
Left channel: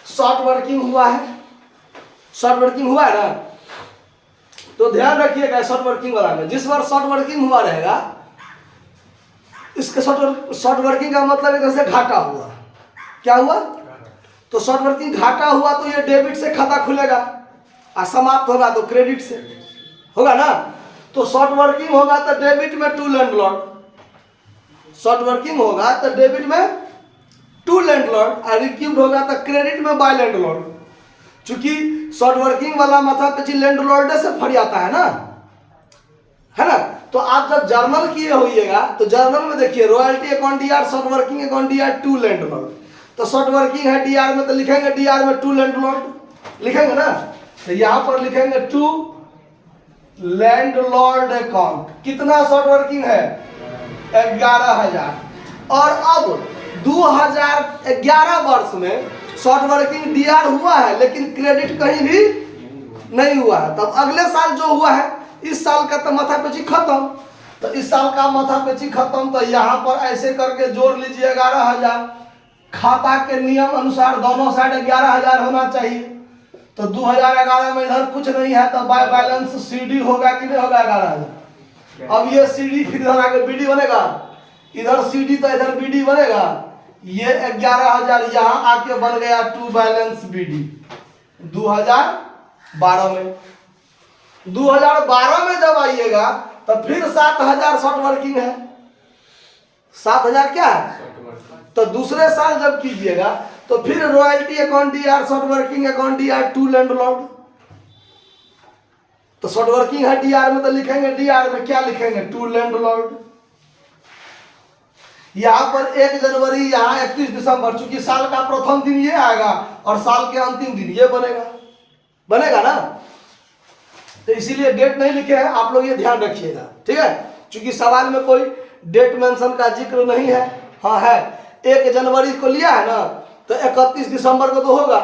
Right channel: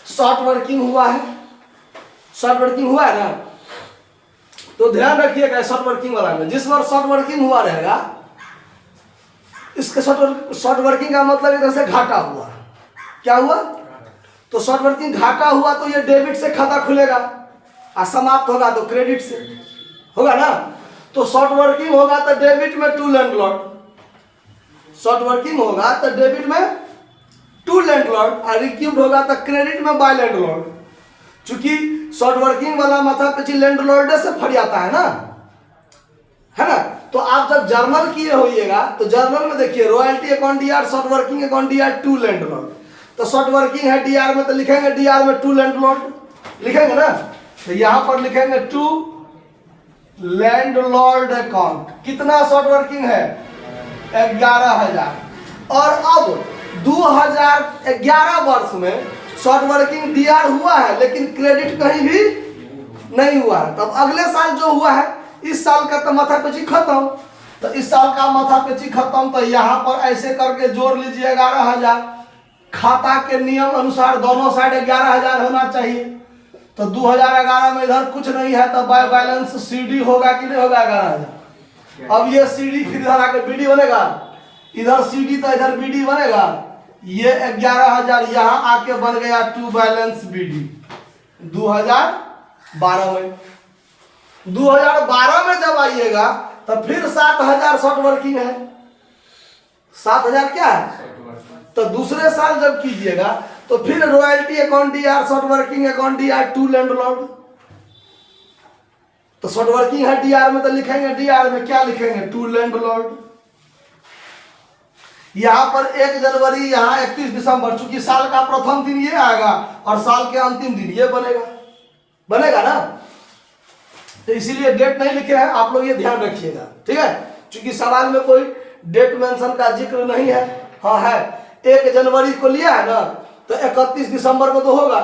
शॉर्ट वर्किंग हुआ है, शॉर्ट वर्किंग हुआ है ना। तो ध्यान रखिएगा शॉर्ट वर्किंग वाला में, जिस बार शॉर्ट वर्किंग हुआ रहेगा, इसके शॉर्ट वर्किंग का मतलब इधर से घाटा हुआ, क्या हुआ, तो शॉर्ट वर्किंग घाटा हुआ तो ये डेबिट से खाता खुलेगा और समाप्त होगा तो क्रेडिट से होगा ना। तो शॉर्ट वर्किंग होगा तो डेबिट में टू लैंडलॉर्ड, शॉर्ट वर्किंग होगा तो डेबिट में टू लैंडलॉर्ड और रिक्यूब्ड होगा तो क्रेडिट में बाय लैंडलॉर्ड। चूंकि शॉर्ट वर्किंग वाला माथा पीछे लैंडलॉर्ड से फट जाता है ना, है ना। तो आप जब जर्नल किए होइएगा तो जर्नल में देखिए royalty account DR, short working account DR to landlord. तो शॉर्ट वर्किंग है डीआर में, तो लिखेंगे डीआर में टू लैंडलॉर्ड लिखेंगे ना। तो यहां पर लिखेंगे टू लैंडलॉर्ड अकाउंट। कितना शॉर्ट वर्किंग है 11,000। और अब 2011 वर्ष में शॉर्ट वर्किंग डीआर हुआ है लेकिन क्रेडिट कहीं भी नहीं हुआ है। तब अगले साल जो हुआ है, इस साल का तो माथा पेची खत्म, तो इस साल का माथा पेची खत्म। तो यहाँ पर ऐसे करके जोड़ लीजिए 11,000, खाता के नियम अनुसार दोनों साइड 11,000 होना चाहिए। तो 2011 में इधर कुछ नहीं है, तो बाय बैलेंस सीडी होगा कि नहीं होगा 11,000। अब ये सीडी फिर इधर आके बीडी बनेगा, इधर सीडी तो इधर बीडी बनेगा। ये 11,000 यहाँ आके बन गया टू बैलेंस बीडी 2012 में। 2012 में जब आइएगा तो फिर 7,000 शॉर्ट वर्किंग है, 7,000 क्या है। तो दूसरे साल जब कीजिएगा तो फिर royalty account DR, short working account DR to landlord. तो शॉर्ट वर्किंग है डीआर में, तो लिखेंगे डीआर में क्या लिखेंगे टू लैंडलॉर्ड। यहां पर 1 जनवरी, यहां 31 दिसंबर, चूंकि साल का प्रथम दिन ये आएगा और साल के अंतिम दिन ये बनेगा ना। तो इसीलिए डेट नहीं लिखे हैं, आप लोग ये ध्यान रखिएगा, ठीक है। चूंकि सवाल में कोई डेट मेंशन का जिक्र नहीं है। हाँ है, 1 जनवरी को लिया है ना, तो 31 दिसंबर को तो होगा,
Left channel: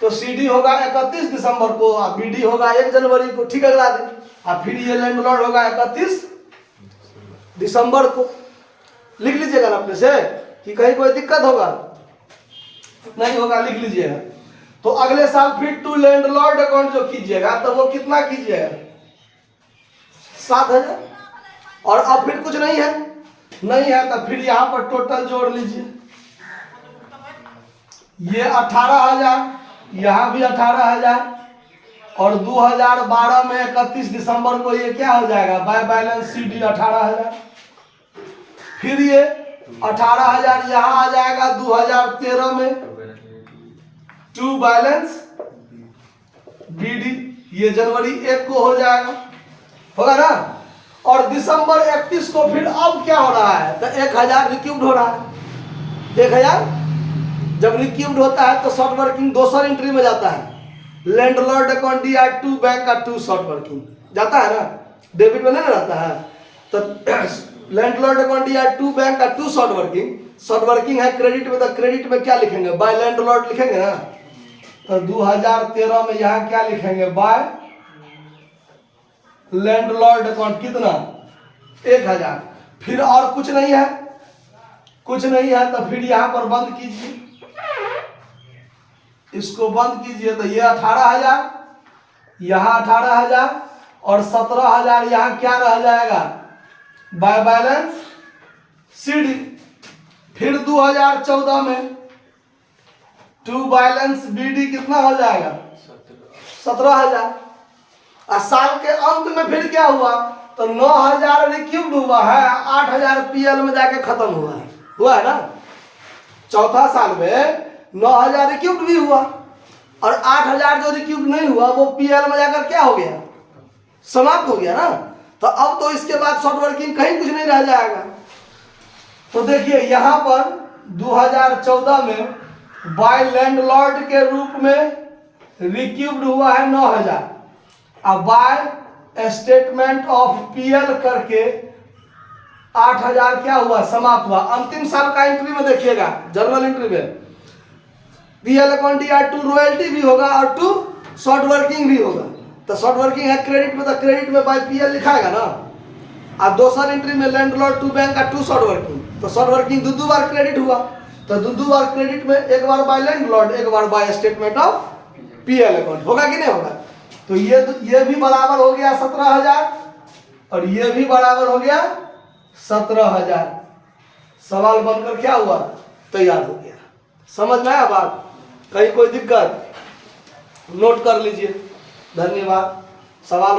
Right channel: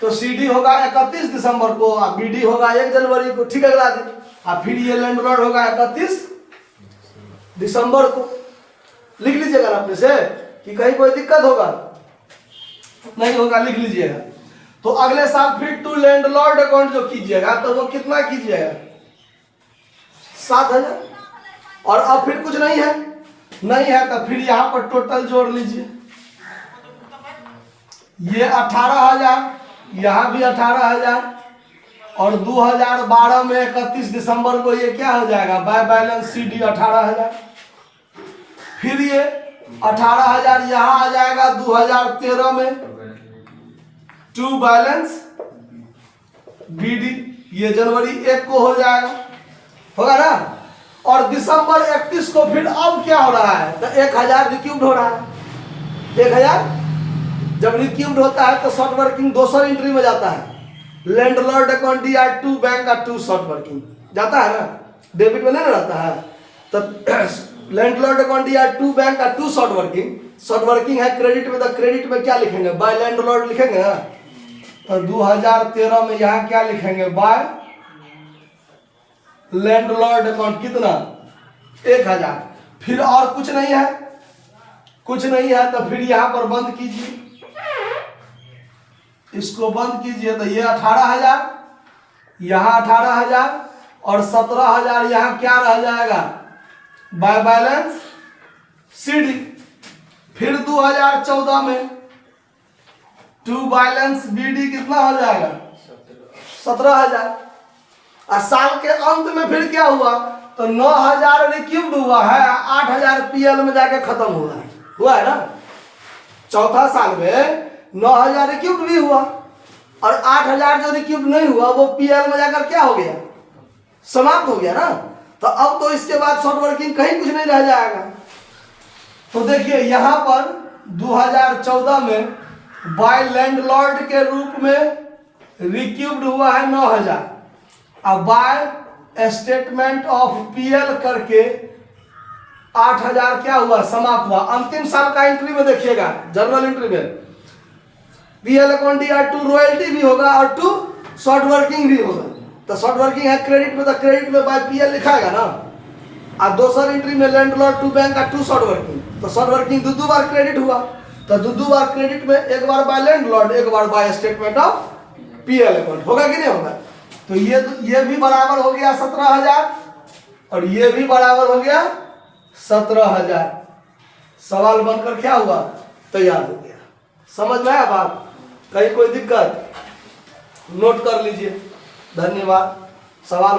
तो सीडी होगा 31 दिसंबर को और बीडी होगा 1 जनवरी को, ठीक है राजी। और फिर ये लैंडलॉर्ड होगा 31 दिसंबर को। लिख लीजिएगा ना अपने से कि कहीं कोई दिक्कत होगा नहीं होगा, लिख लीजिएगा। तो अगले साल फिर टू लैंडलॉर्ड अकाउंट जो कीजिएगा तो वो कितना कीजिएगा 7,000। और अब फिर कुछ नहीं है तो फिर यहाँ पर टोटल जोड़ लीजिए। ये 18,000, यहाँ भी 18,000 और 2012 में 31 दिसंबर को ये क्या हो जाएगा, बाय बैलेंस CD 18,000। फिर ये 18,000 यहाँ आ जाएगा 2013 में टू बैलेंस BD, ये जनवरी 1 को हो जाएगा, होगा ना। और दिसंबर 31 को फिर अब क्या हो रहा है, तो 1,000 रिक्यूब्ड हो रहा है। 1,000 जब रिक्यूब्ड होता है तो शॉर्ट वर्किंग दोसर एंट्री में जाता है, लैंडलॉर्ड अकाउंट या टू बैंक का टू शॉर्ट वर्किंग जाता है ना, डेबिट में नहीं रहता है। तो लैंडलॉर्ड अकाउंट या टू बैंक का टू शॉर्ट वर्किंग है क्रेडिट में, तो क्रेडिट में क्या लिखेंगे, बाय लैंडलॉर्ड लिखेंगे ना। तो 2013 में यहाँ क्या लिखेंगे, बाय लैंडलॉर्ड अकाउंट कितना, 1,000। फिर और कुछ नहीं है, कुछ नहीं है, तो फिर यहाँ पर बंद कीजिए, इसको बंद कीजिए। तो ये 18,000, यहाँ 18,000 और 17,000 यहाँ क्या रह जाएगा, बाय बैलेंस CD। फिर 2014 में टू बैलेंस BD कितना हो जाएगा, 17,000। और साल के अंत में फिर क्या हुआ, तो 9,000 रिक्यूब्ड हुआ है, 8,000 PL में जाके खत्म हुआ है ना। चौथा साल में 9,000 रिक्यूब्ड भी हुआ और 8,000 जो रिक्यूब्ड नहीं हुआ वो PL में जाकर क्या हो गया, समाप्त हो गया ना। तो अब तो इसके बाद शॉर्ट वर्किंग कहीं कुछ नहीं रह जाएगा। तो देखिए यहाँ पर 2014 में बाय लैंडलॉर्ड के रूप में रिक्यूब्ड हुआ है 9,000, अब बाय स्टेटमेंट ऑफ PL करके 8,000 क्या हुआ, समाप्त हुआ। अंतिम साल का एंट्री में देखिएगा, जर्नल एंट्री में PL अकाउंट या टू रॉयल्टी भी होगा और टू शॉर्ट वर्किंग भी होगा। तो शॉर्ट वर्किंग है क्रेडिट में, तो क्रेडिट में बाय PL लिखाएगा ना। और दोसर एंट्री में लैंडलॉर्ड टू बैंक का टू शॉर्ट वर्किंग, तो शॉर्ट वर्किंग दो बार क्रेडिट हुआ, तो दो बार क्रेडिट में, एक बार बाय लैंडलॉर्ड, एक बार by statement of PL account, होगा कि नहीं होगा। तो ये भी बराबर हो गया 17,000 और ये भी बराबर हो गया 17,000। सवाल बनकर क्या हुआ, तैयार हो गया। समझ में आया बात, कहीं कोई दिक्कत, नोट कर लीजिए। धन्यवाद। सवाल